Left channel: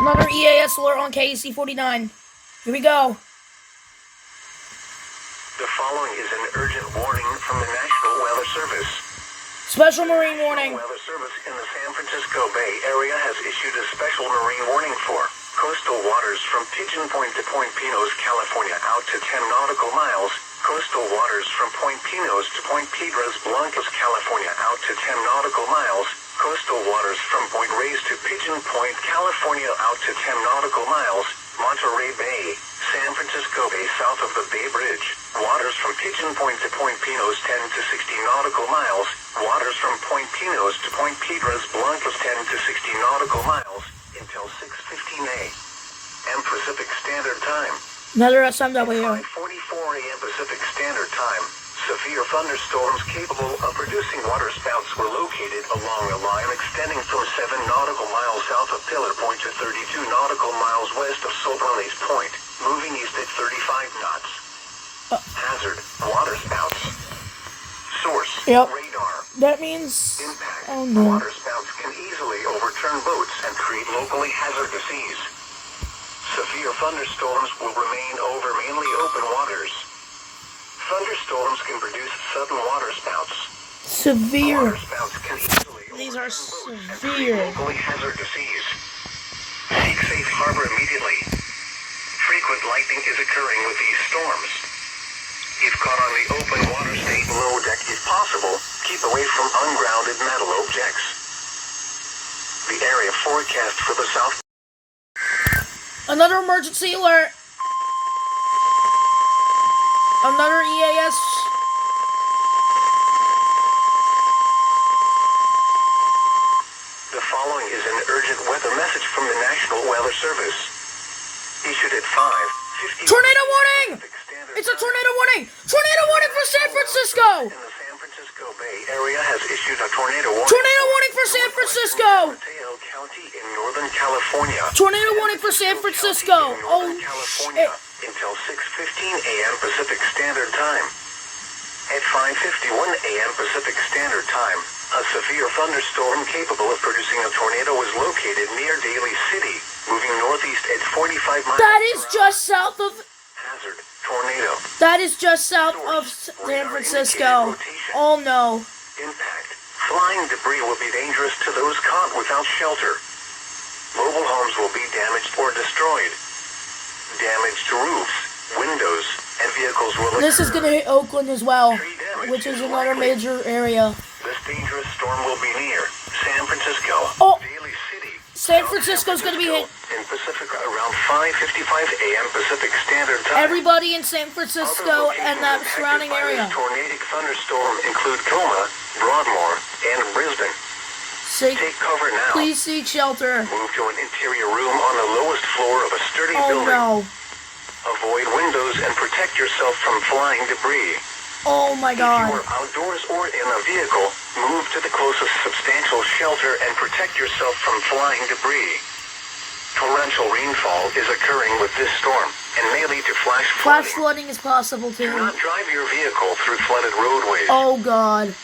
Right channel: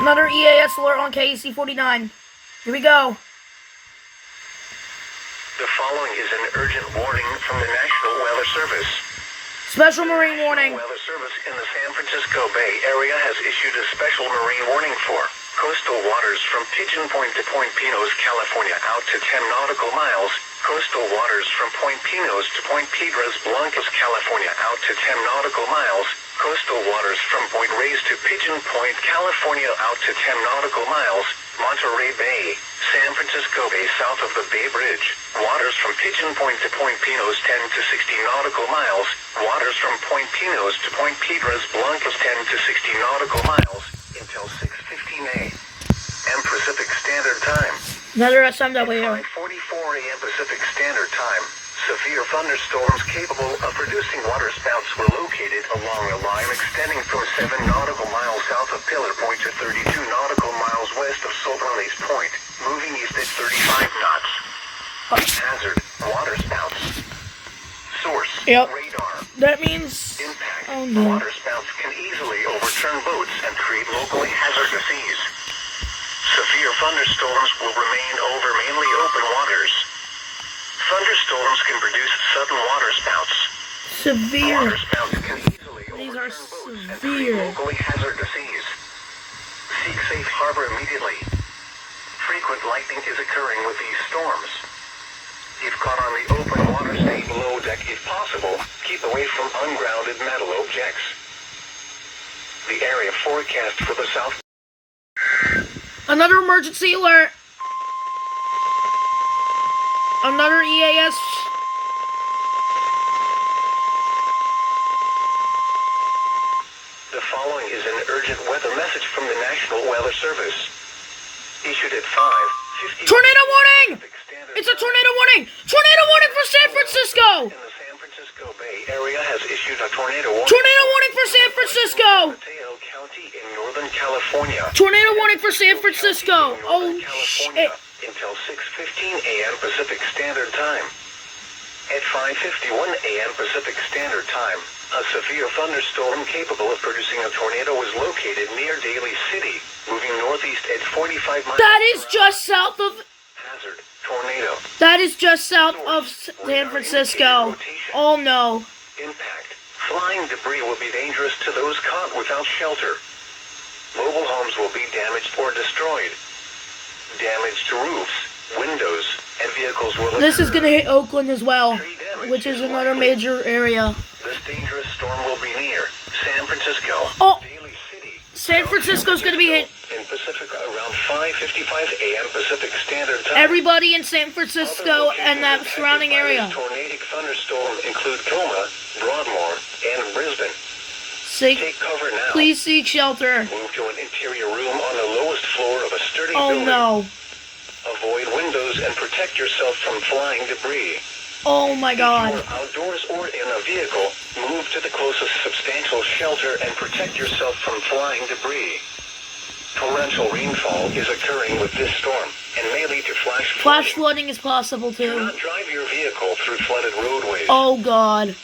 Another EAS alert on KC 49. Here we go. The following is an urgent warning from the National Weather Service. Special marine warning. The Weather Service in the San Francisco Bay Area has issued a special marine warning for coastal waters from Pigeon Point to Point Pinos, California out to 10 nautical miles, coastal waters from Point Pinos to Point Piedras, Blamcas, California out to 10 nautical miles, coastal waters from Point Reyes to Pigeon Point, California out to 10 nautical miles, Monterey Bay, San Francisco Bay south of the Bay Bridge, waters from Pigeon Point to Point Pinos 10 to 60 nautical miles, waters from Point Pinos to Point Piedras, Blamcas 10 to 60 nautical miles, until 6:15 a.m. Pacific Standard Time. Another SMW. At 5:44 a.m. Pacific Standard Time, severe thunderstorms capable of producing waterspouts were located along a line extending from 7 nautical miles south of Pillar Point to 32 nautical miles west of Sobranes Point, moving east at 35 knots. Hazard, waterspouts. Source, radar. That means... Impact, oh no. waterspouts can easily overturn boats and create locally hazardous seas. Severe thunderstorms will remain over mainly open waters. Thunderstorms can produce sudden waterspouts. Severe. Waterspouts can easily These are overturn boats and create severe. locally hazardous seas. Seek safe harbor immediately. Frequent lightning is occurring with these storms. If caught on the open water, stay below deck if possible. Keep away from ungrounded metal objects. The area forecast for the south. Another emergency alert. Another EAS. The following is an urgent weather message from the National Weather Service. Issued at 5:50. Tornado warning! It's a tornado warning! Tornado warning for San Francisco! In the San Francisco Bay Area has issued a tornado warning. Tornado warning for San Francisco! Mateo County in Northern California. Tornado warning for San Francisco! Oh, shit. Until 6:15 a.m. Pacific Standard Time. At 5:51 a.m. Pacific Standard Time, a severe thunderstorm capable of producing a tornado was located near Daly City, moving northeast at 45 miles. That is just south of... Hazard, tornado. That is just south of San Francisco. Oh no. Impact. Flying debris will be dangerous to those caught without shelter. Mobile homes will be damaged or destroyed. Damage to roofs, windows, and vehicles will occur. This is going to hit Oakland as well, which is another major area. This dangerous storm will be near San Francisco, Daly City. San Francisco's going to be hit. In Pacific around 5:55 a.m. Pacific Standard Time. Everybody in San Francisco and that surrounding area. Tornadic thunderstorm include Coma, Broadmoor, and Brisbane. Take cover now. Please seek shelter. Move to an interior room on the lowest floor of a sturdy Oh building. no. Avoid windows and protect yourself from flying debris. Oh my God. If you are outdoors or in a vehicle, move to the closest substantial shelter and protect yourself from flying debris. Torrential rainfall is occurring with this storm and may lead to flash flooding. Flash flooding is possible Do too. not drive your vehicle through flooded roadways. Oh God.